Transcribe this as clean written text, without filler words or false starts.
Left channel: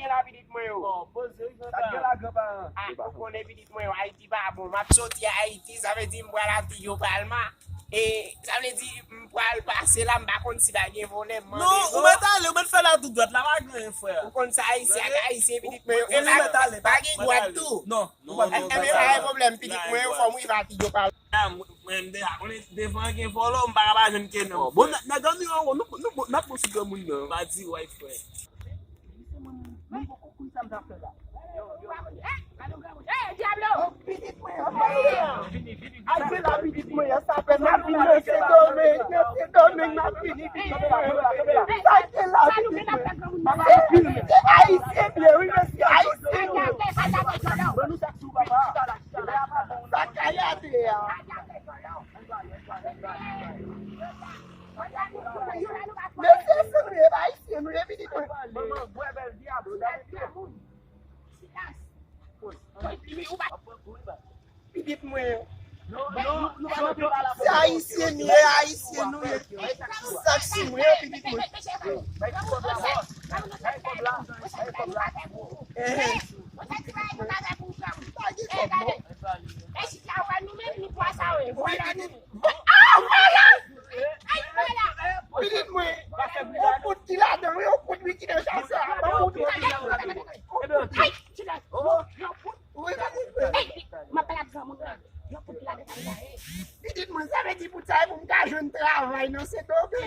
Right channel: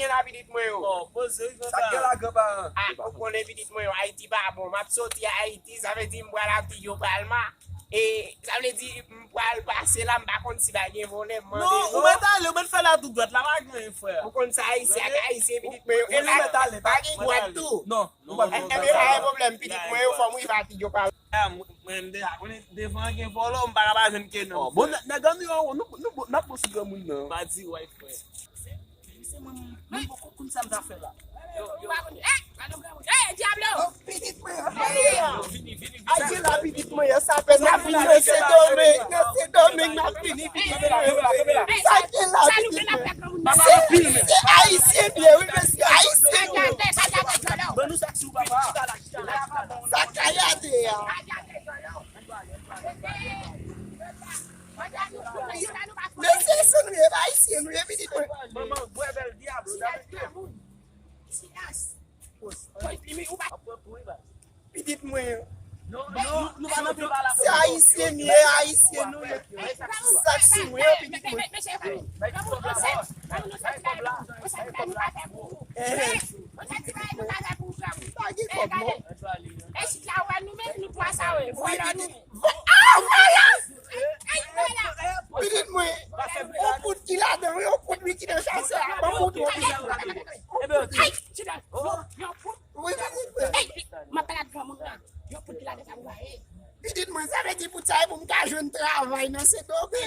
gen la vidit mwen yo. Oh, pose Ça gueule la grand-parent. Pou konen vidit mwen yo, Haïti pa bon. Map soti a Haïti, ça veut dire m'bwa la ti yo palma. Et ça veut dire m'pral passer là, m'pa kon si ba gen volé. Non, ou metale, ou met fè la tout droite, la va gen frère. Ou kon sa Haïtien vidit mwen yo. Ou metale. Pa gen droite tout. Non, Pas de problème, vidit mwen yo, faut m'y va ti yo palma. Mwen de akone defan gen follow, m'pa ba jen ken non. Bon, na gandi yo, nou na posi gen moun nan. Ba di way frère. Mwen beaucoup koun sa m'da fè la. Oh, vidit mwen yo. Aje la vidit mwen yo, sa pe na fini, se domen, na fini vidit mwen yo. Sa ke la vidit mwen yo. Se Haïtien bien, oui, monsieur Haïtien. Ben nou sak sou papa. Sa kayate ya. Monsieur se nou ye Haïtien, nou ye vidit mwen yo. Maman, boy bel diable. Vidit mwen yo. Nou va nan pe bala. Se Haïtien ni ye Haïtien nou ye. Sak si mwen yo vidit mwen yo. Vidit mwen yo. On pout ki la den, on pout mi ki den chase. On pout mi. Oui, vidit mwen yo. Vidit mwen sa ve di pou sa pou mta jwen travay nan se dobe.